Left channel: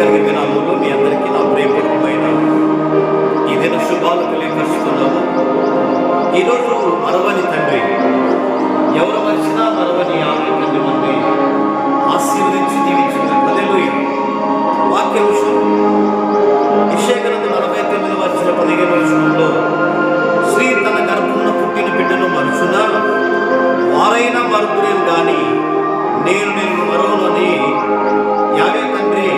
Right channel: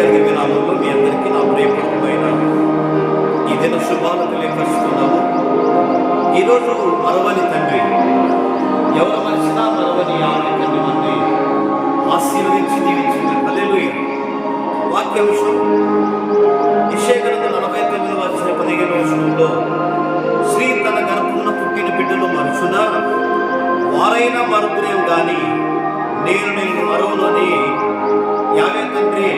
నామంలో మీ అందరికీ నా ప్రియపూర్వకమైన ఈ దిన శుభాలు తెలియపరుస్తున్నాము. ఈరోజు మరవని తండ్రి, ఎవరు మనిషినా మరవని ఆమె తండ్రి మనని ఆశీర్వదించి దీవించింది. హల్లెలూయా. వాక్యాంశం యెషయా గ్రంథం 49:15 స్త్రీ తన గర్భమున పుట్టిన బిడ్డను మరుచునా వారైనా మరుదురేం గాని నేను మరోను అని యావే తండ్రి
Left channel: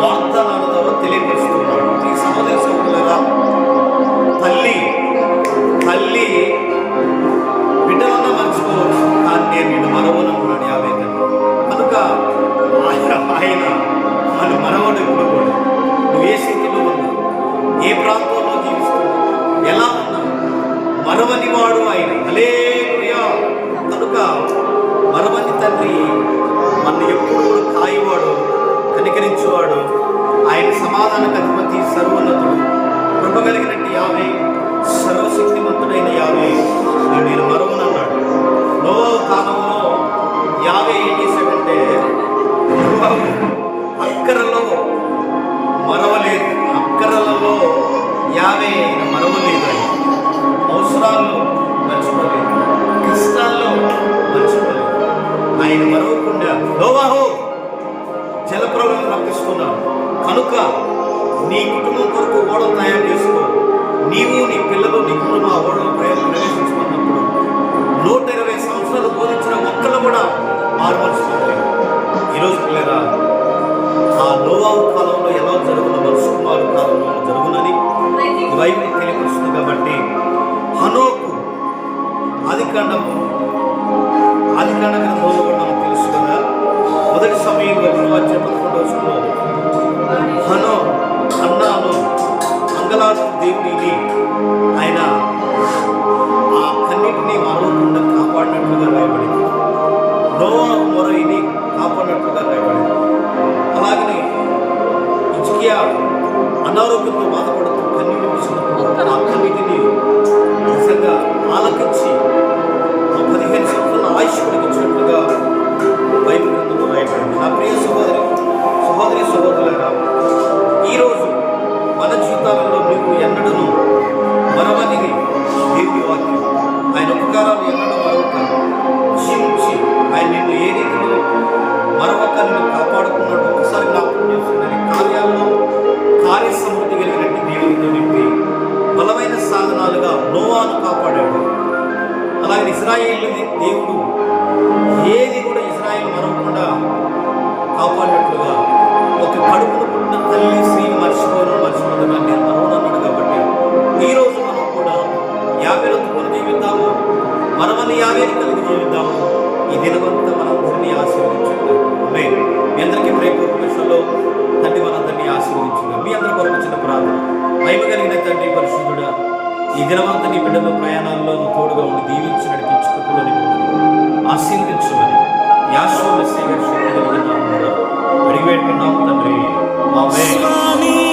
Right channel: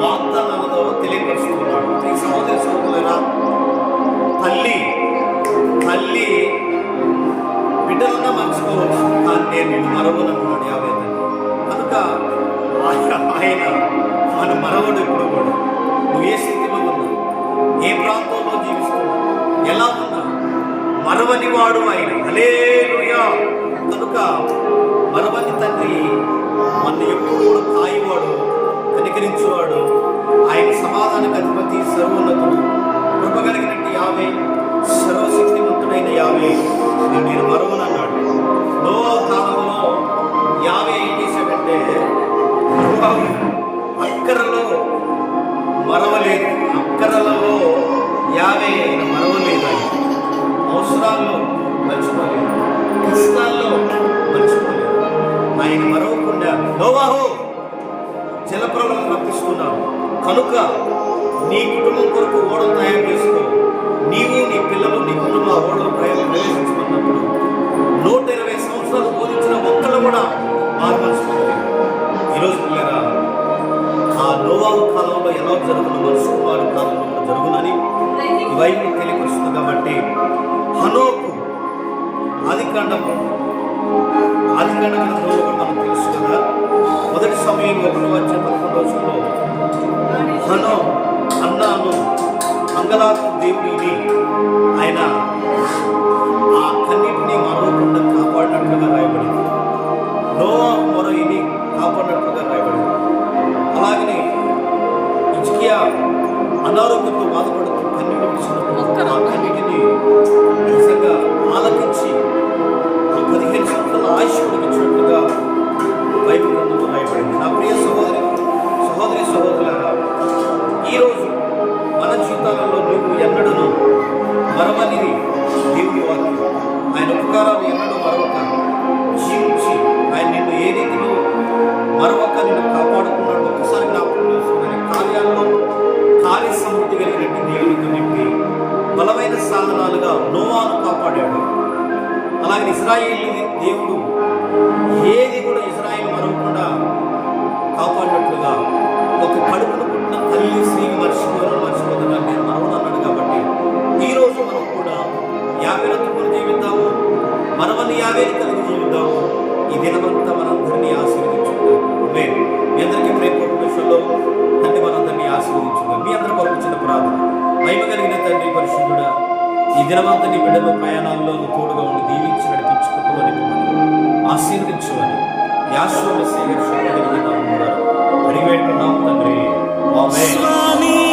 వాగ్దానాల ద్వారా తెలియపరుస్తున్నాడు. ఈ సహోదరులారా, తల్లి బిడ్డలన్నా మర్చిపోవచ్చు, కానీ నేను మరవను అంటున్నాడు యావే తండ్రి. కనుక ఆయన మన మరవడు. ఇప్పుడు కూడా నువ్వు ఏ స్థితిలో ఉన్నా, ఏ ప్రాంతంలో జీవిస్తున్నా, ఎలా ఉన్నా, మరవని వాడు ఆయన. హల్లెలూయా. కనుక మరవని తండ్రి మన ఎప్పుడు కూడా కాయవాడు, కనికరించేవాడు. ఆయన సమాధానకు అధిపతి, సర్వోన్నతుడు, కృప కలిగినట్టు యావే, సర్వశక్తిమంతుడైన యావే నేను మరవను అన్నాడు. నోవా కాలంలో యావే ఏం చేశాడంటే, అక్కరలో మరవలేదు, అక్కరలలో యావే మరవలేదు. ఆయన అవసరాల్లో మర్చిపోలేదు, కష్టాల్లో మర్చిపోలేదు. ఆయన మరవకుండా నోవాహు జలప్రలయం రప్పిస్తున్నాను కనుక నీ కుటుంబం కొరకు ఓడలు తయారు చేసుకో, నీవు నీ పిల్లలు నీ కుటుంబం ఆ ఓడలో ప్రవేశించుకున్నప్పుడు 120 సంవత్సరాలు బోధించిన ఒక్కళ్ళు కూడా మారుమర్చుకోలేదు. ఈరోజు పిల్లరా, ఆ నోవాహు కాలంలో ఎలా జరుగుతున్న మనుషు కుమారు కాలంలో కూడా జరుగునని ఈ బైబిల్ తెలియపరుస్తుంది. కాబట్టి హనోకు ఆదికాండ గ్రంథంలో కూడా మనకు తెలుసు కదా, మొదటి సమయం 1:11 హనో అన్నాను అంగలార్పు దేవుడిని ఆయన ఆ కన్నిటిని మరవకుండా కాపాడినట్లుగా రాయబడింది. నోవాహు మొరయిని కాపాడినట్లుగా రాయబడింది. అలాగనే హిజ్కియా అనారోగ్యంతో బాధపడుతూ కన్నీటి విడిచినప్పుడు ఆ కన్నిటిని నిజంగా ఆలకించి 15 సంవత్సరాల ఆయుష్ పొడిగించినట్లుగా బైబిల్ గ్రంథంలో రాయబడింది. నా ప్రియ సహోదరులారా, ఈరోజు మన జీవితాలలో నువ్వు ఎన్నడూ మరవనిది దేవుని వాక్యం. ఆయన ఉపకారాలు ఎన్నడూ మరవక జీవించి ఆయన నిన్ను ఏ రీతిలో మరవక నిన్ను కాపాడుకున్నాడు ఒక్కసారి జ్ఞాపకం చేసుకున్నాను. కార్యాల్లో కార్య సమృద్ధి కలిగినట్టు దేవునితో నింపి బలమైన సాధనాలుగా నోవాను కాపాడాడు. అలాగే ఇశ్రాయేలు దేవుడు ఏది కూడా ఇశ్రాయేలు మరవకుండా కాపాడినట్లుగా ఒక కడుపును పుట్టిన తల్లి స్త్రీని మర్చిపోతున్నాను నేను మరవను అన్నాడు. కాబట్టి ఈరోజు మనం కూడా యావేరత్తుకొని జీవిద్దాము, మరవని యావేని కలిగి జీవిద్దాము. ఈ దినమంతా మనందరినీ ఆశీర్వదించుగా. మీ అందరికీ ప్రేమపూర్వక విషయంలో తండ్రి మనందరినీ ఆశీర్వదించుగా. మీ అందరి కొరకు చిన్న ప్రార్థన. మహిమ కలిగిన తండ్రి పరిశుద్ధుడా, ఈ దినమంతా నీ బిడ్డలు ప్రయాణాల్లో తోడుగా ఉండి దీవించి నడిపించు, కృపలో నింపమని ఆశీర్వదించమని యాషోవ మెస్సీయ గారి శక్తి కలిగిన నామమున అడిగి పెట్టుకున్నాము తండ్రి. ఆమేన్.